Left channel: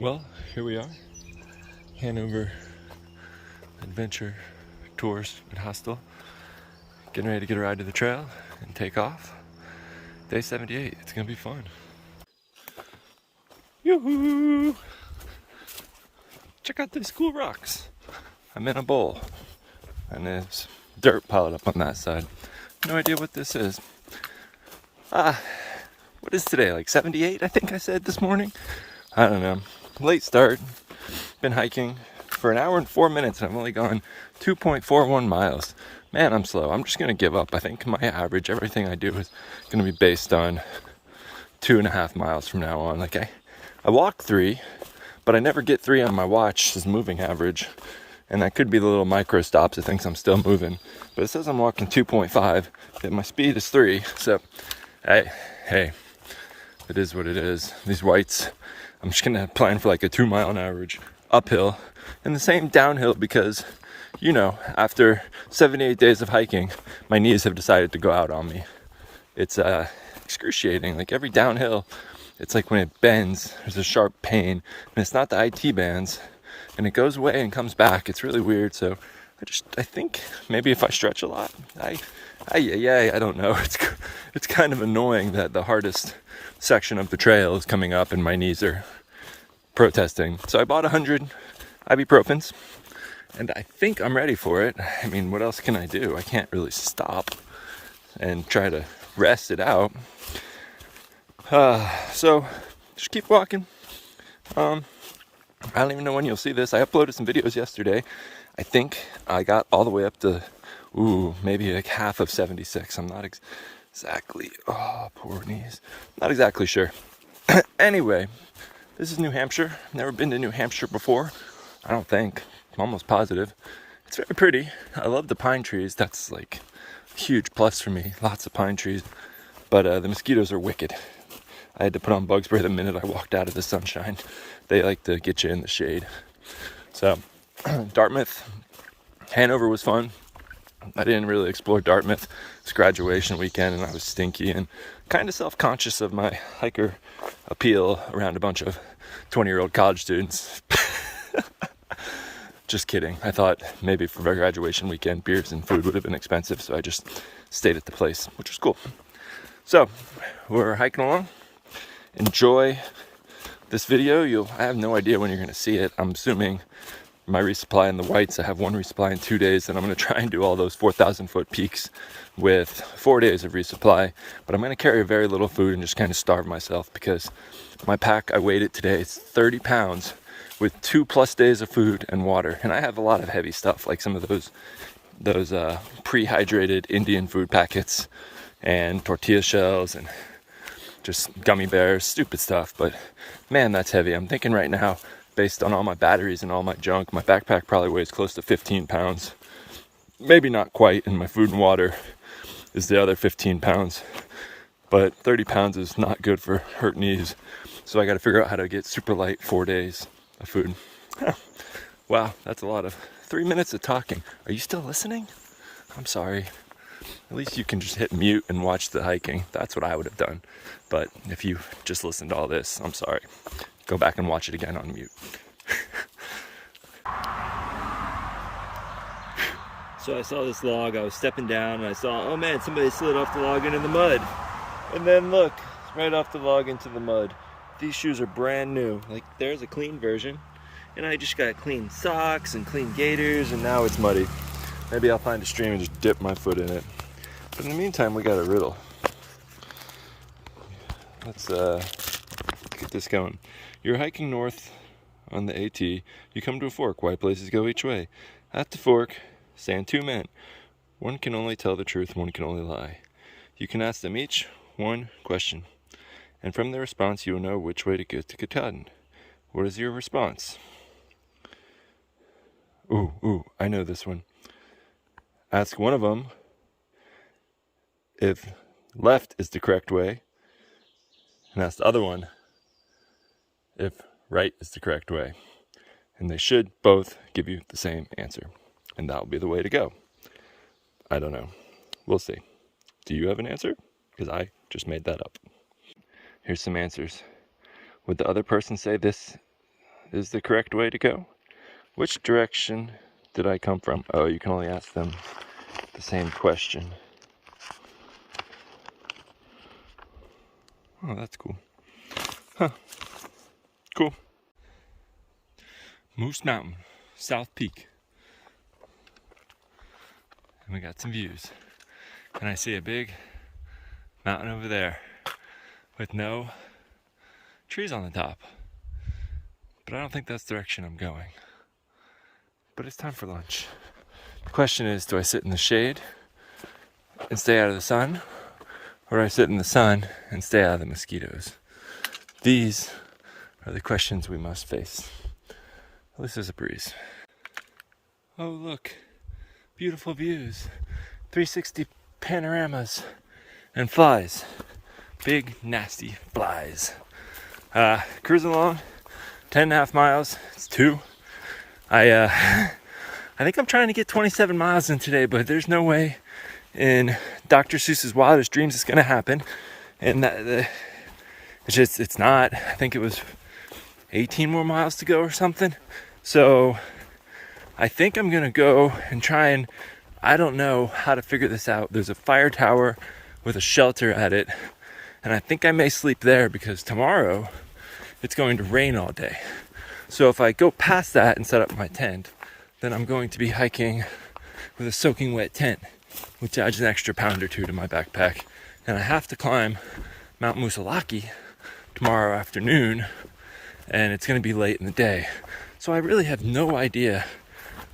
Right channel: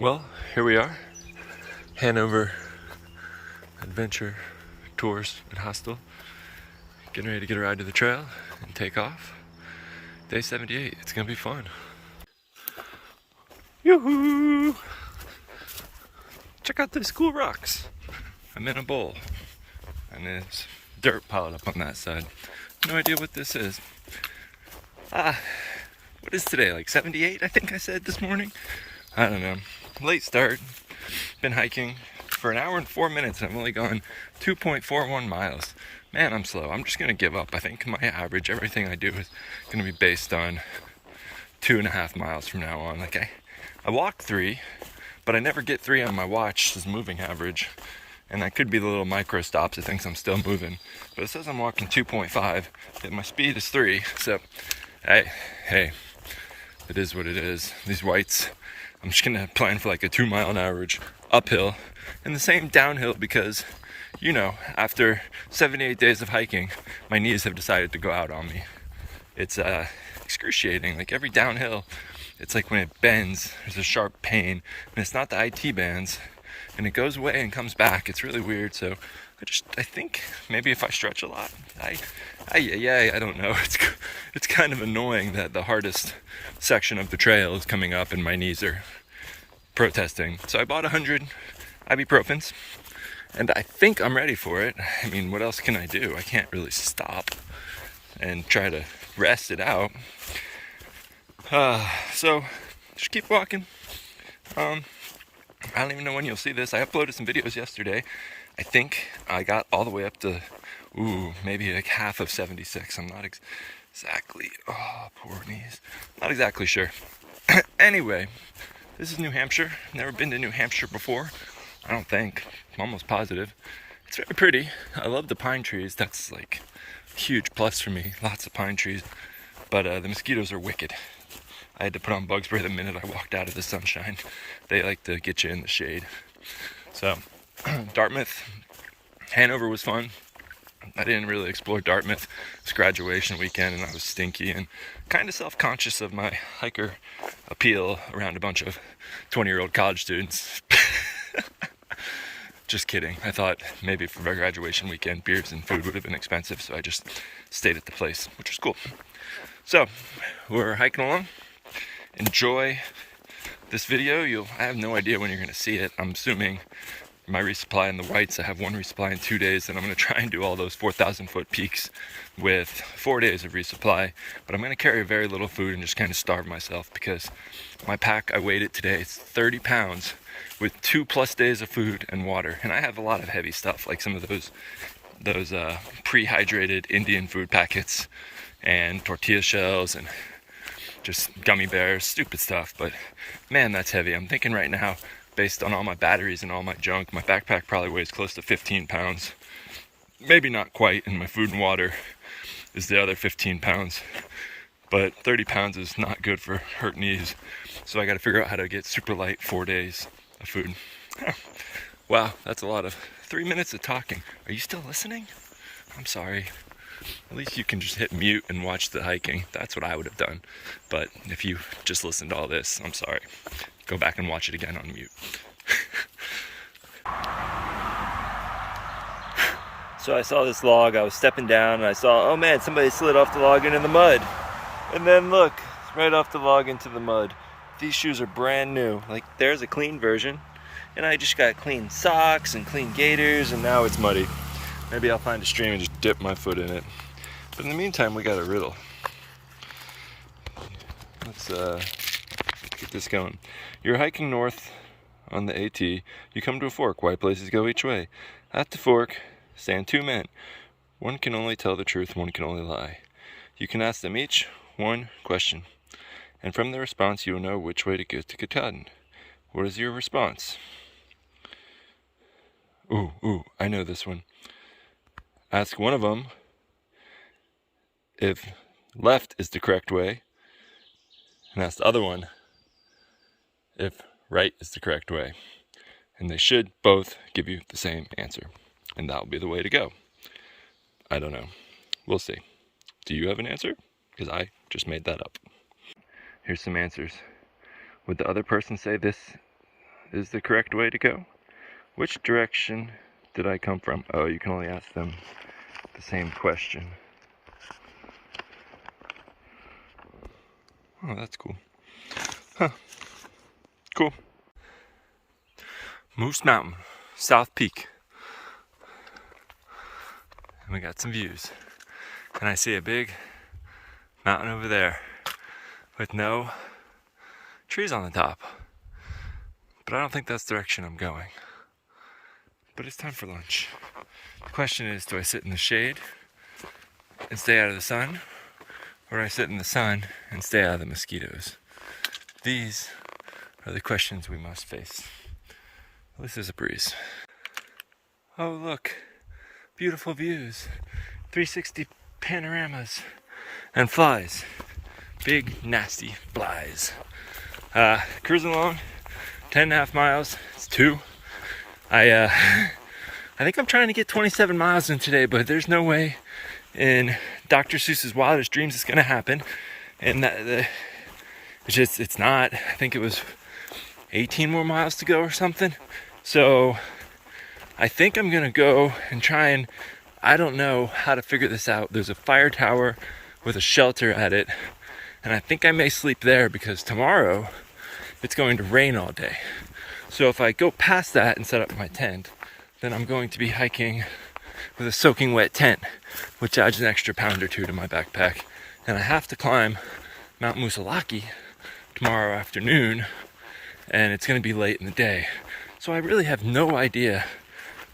Well, here we are, Hanover Adventure Tours and Hostel, getting ready to get a ride to the trail and take off. Day 78, it's gonna be fun. Yoo-hoo! Check out these cool rocks. I'm in a bowl, and there's dirt piled up on that side. No idea what this is. What is today, like 78, I think I said this morning? I don't know. Late start. Been hiking for an hour and 4 minutes. I've only gone 2.41 miles. Man, I'm slow. I'm just gonna give up. I think my average, everything I do is gonna be based on 2.5 miles from now on. Like I walk 3, but I never get 3 on my watch as moving average. And that could be the little micro stops. It thinks I'm still moving. But it says I'm walking 2.5, that my speed is 3. So, hey, it is what it is. These whites, I'm just gonna plan for like a 2 mile an average uphill and the same downhill because, you know, after 78 days of hiking, my knees have decided to go out on me. It's excruciating. Like every downhill, it's like when it bends, there's a sharp pain, and it's not the IT bands, and it goes away and comes back. It's really weird. So I think maybe if I stretch a lot, I don't know. It's kind of annoying that the hardest section of the trail is coming up and my knees are protesting. So I bought 100 ibuprofens and I think I'm ready for it. I mean, what else can I do? I can't really stop and try to rest it out. So just keep walking. I don't even know when you'll see this. I uploaded some videos yesterday. I think I got all the way up to, maybe like half of 76. I'm not exactly, poor knees. Not exactly sure. Anyway, this is New Hampshire. Never been to New Hampshire before. I don't think. I'm almost positive. It's very pretty. I love the pine trees. That's like a huge plus for me. Lots of pine trees. But the mosquitoes are wicked. I had to put on bug spray the minute I walked out of the sunshine. They like to get you in the shade. So, Dartmouth, Hanover was fun. I didn't really explore Dartmouth. It's graduation weekend and I was stinky and kind of self-conscious of my hiker appeal around a bunch of 20-year-old college students. Just kidding. I thought maybe for my graduation weekend, beers and food would have been expensive, so I just stayed at the place, which was cool. So, we're hiking along. Enjoy this video. I have no idea when you're going to see it. I'm assuming my resupply in the whites, I have one resupply in 2 days, and I'm going to try and do all those 4,000 foot peaks with 4 days of resupply. But I'm going to carry very little food and just kind of starve myself because my pack, I weighed it today, it's 30 pounds with 2+ days of food and water. And I have a lot of heavy stuff, like some of those pre-hydrated Indian food packets and tortilla shells and just gummy bears, stupid stuff. But man, that's heavy. I'm thinking right now, based on all my batteries and all my junk, my backpack probably weighs close to 15 pounds. Maybe not quite, and my food and water is the other 15 pounds. But 30 pounds is not good for hurt knees. So I got to figure out how to get super light 4 days of food. Wow, that's a lot of 3 minutes of talking. Are you still listening? I'm sorry. At least you can just hit mute and watch the hiking. That's what I would have done. But if you just listened to all this, I'm sorry. Go back and watch it again on mute. So I saw this log, I was stepping down and I saw, oh man, somebody slid off the log into the mud. And then look, right off the log into the mud. These shoes are brand new. Like there's a clean version. And I just got clean socks and clean gaiters and now it's muddy. Maybe I'll find a stream and just dip my foot in it. But in the meantime, we got a riddle. Let's get this going. You're hiking north on the AT. You come to a fork. Why places go each way? At the fork stand 2 men. One can only tell the truth, one can only lie. You can ask them each one question. And from their response, you will know which way to go to Katahdin. What is your response? I know this one. Ask one of them if left is the correct way, and ask the other one if right is the correct way. And they should both give you the same answer. And that'll be the way to go. I don't know. We'll see. Do you have an answer? Because I just made that up. Here's some answers. Would the other person say this is the correct way to go? Which direction did I come from? Oh, you can only ask them the same question. Oh, that's cool. Huh. Cool. Moose Mountain, South Peak. And we got some views. And I see a big mountain over there with no trees on the top. But I don't think that's the direction I'm going. But it's time for lunch. The question is, do I sit in the shade and stay out of the sun? Or do I sit in the sun and stay out of the mosquitoes? These are the questions we must face. This is a breeze. Oh, look. Beautiful views. 360 panoramas. And flies. Big, nasty flies. Cruising along. 10.5 miles. It's 2. I think I'm trying to get 27 miles in today, but there's no way in Dr. Seuss's wildest dreams it's going to happen. And it's not. I think it was 18 more miles to go or something. So I think I'm going to go and try and, I don't know how to figure this out. There's a fire tower with a shelter at it. And I think I may sleep there because tomorrow it's going to rain all day. So if I go past that and set up my tent, then I'm going to be hiking with a soaking wet tent, which adds an extra pound or 2 to my backpack. And I have to climb Mount Musalaki tomorrow afternoon, and it's going to be late in the day. So I really have no idea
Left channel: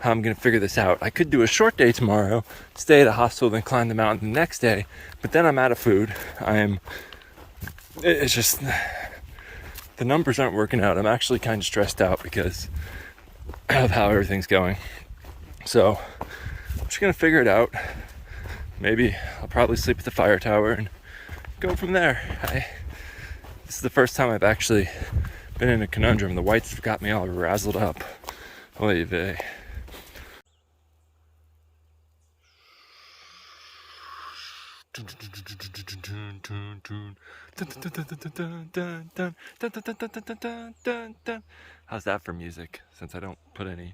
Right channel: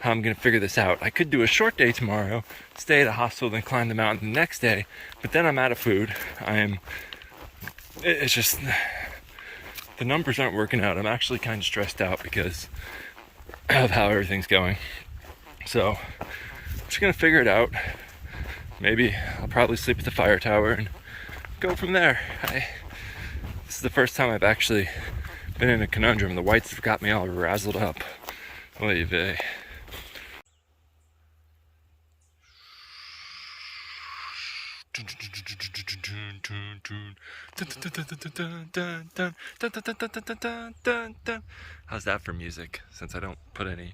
how I'm going to figure this out. I could do a short day tomorrow, stay at a hostel, then climb the mountain the next day, but then I'm out of food. It's just, the numbers aren't working out. I'm actually kind of stressed out because of how everything's going. So I'm just going to figure it out. Maybe I'll probably sleep at the fire tower and go from there. This is the first time I've actually been in a conundrum. The whites have got me all razzled up. Oy vey. How's that for music? Since I don't put any.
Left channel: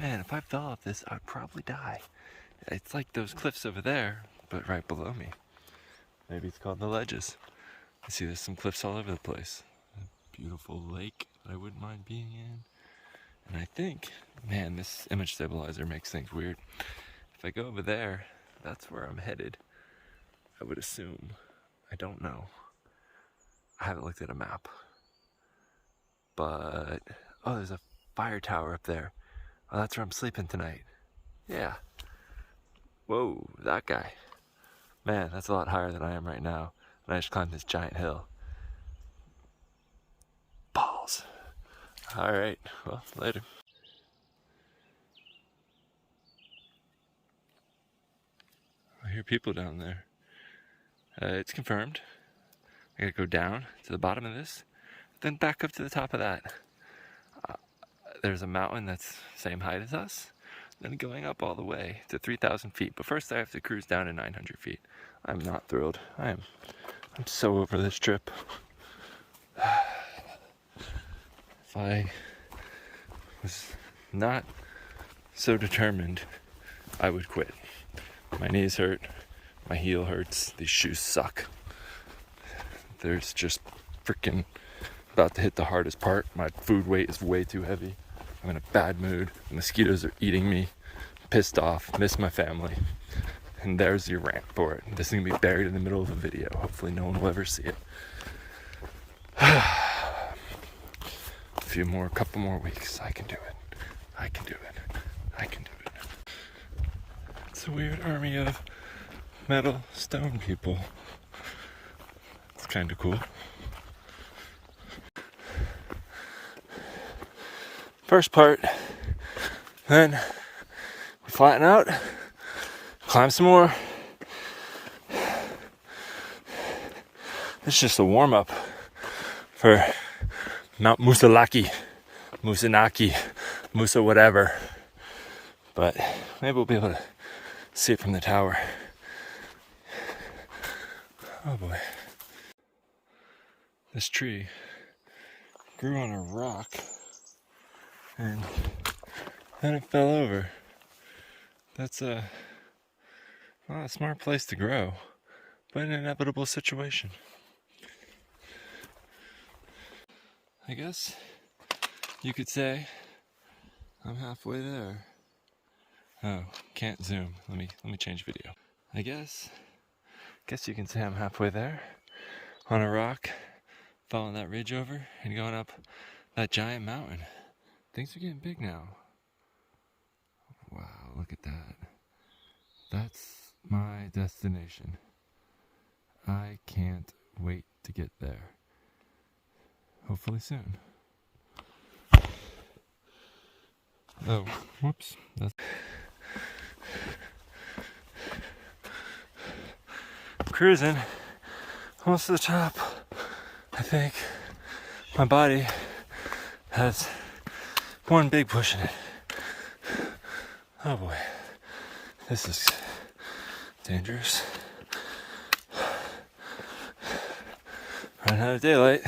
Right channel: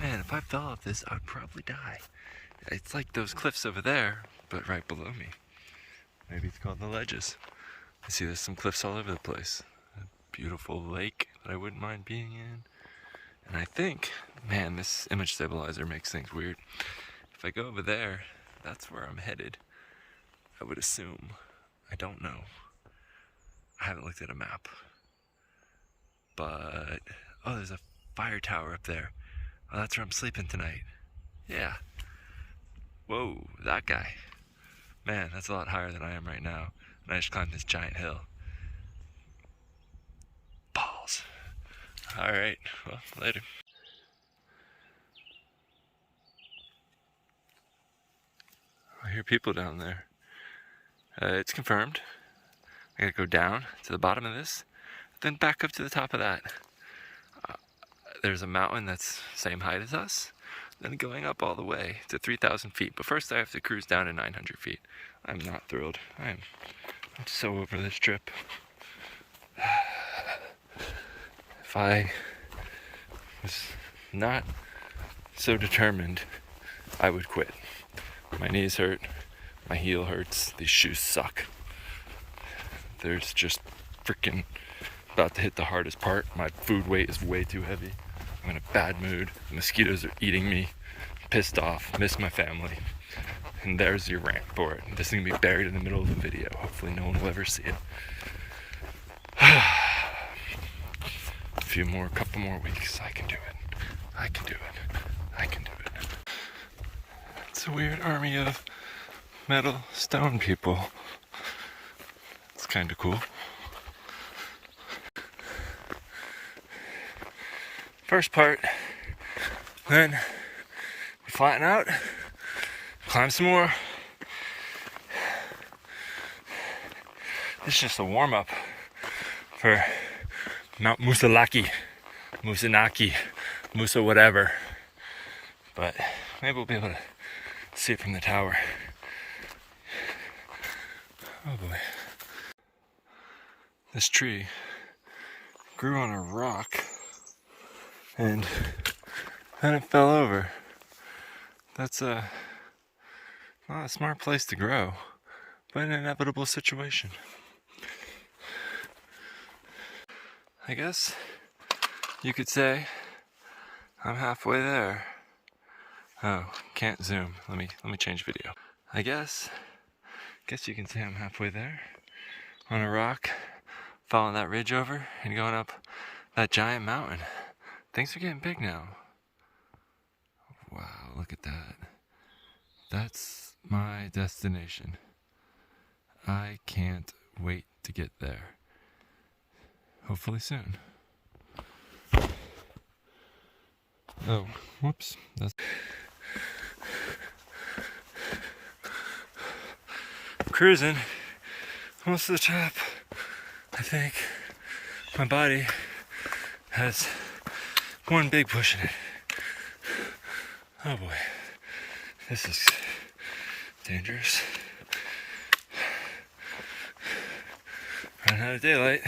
Man, if I fell off this, I'd probably die. It's like those cliffs over there, but right below me. Maybe it's called the ledges. I see there's some cliffs all over the place. A beautiful lake that I wouldn't mind being in. And I think, man, this image stabilizer makes things weird. If I go over there, that's where I'm headed. I would assume. I don't know. I haven't looked at a map. But, oh, there's a fire tower up there. Oh, that's where I'm sleeping tonight. Yeah. Whoa, that guy. Man, that's a lot higher than I am right now. And I just climbed this giant hill. Balls. Alright, well, later. I hear people down there. It's confirmed. I gotta go down to the bottom of this, then back up to the top of that. There's a mountain that's same height as us, then going up all the way to 3,000 feet. But first I have to cruise down to 900 feet. I'm not thrilled. I'm so over this trip. If I was not so determined, I would quit. My knees hurt. My heel hurts. These shoes suck. There's just freaking about to hit the hardest part. My food weight is way too heavy. I'm in a bad mood. The mosquitoes are eating me. Pissed off. Miss my family. And there's your rant for it. This is going to be buried in the middle of the video. Hopefully no one will ever see it. Couple more weeks. I can do it. I can do it. I can do it. It's a weird army of metal stone people. It's kind of cool. First part, then we flatten out, climb some more. This is just a warm-up for Mount Musalaki, Musanaki, Musa whatever. But maybe we'll be able to see it from the tower. Oh boy. This tree grew on a rock and then it fell over. That's not a smart place to grow, but an inevitable situation. I guess you could say I'm halfway there. Oh, can't zoom. Let me change video. I guess you can say I'm halfway there on a rock, following that ridge over and going up that giant mountain. Things are getting big now. Wow, look at that. That's my destination. I can't wait to get there. Hopefully soon. Oh, whoops. Cruising, almost to the top. I think my body has one big push in it. Oh boy, this is dangerous. Running out of daylight.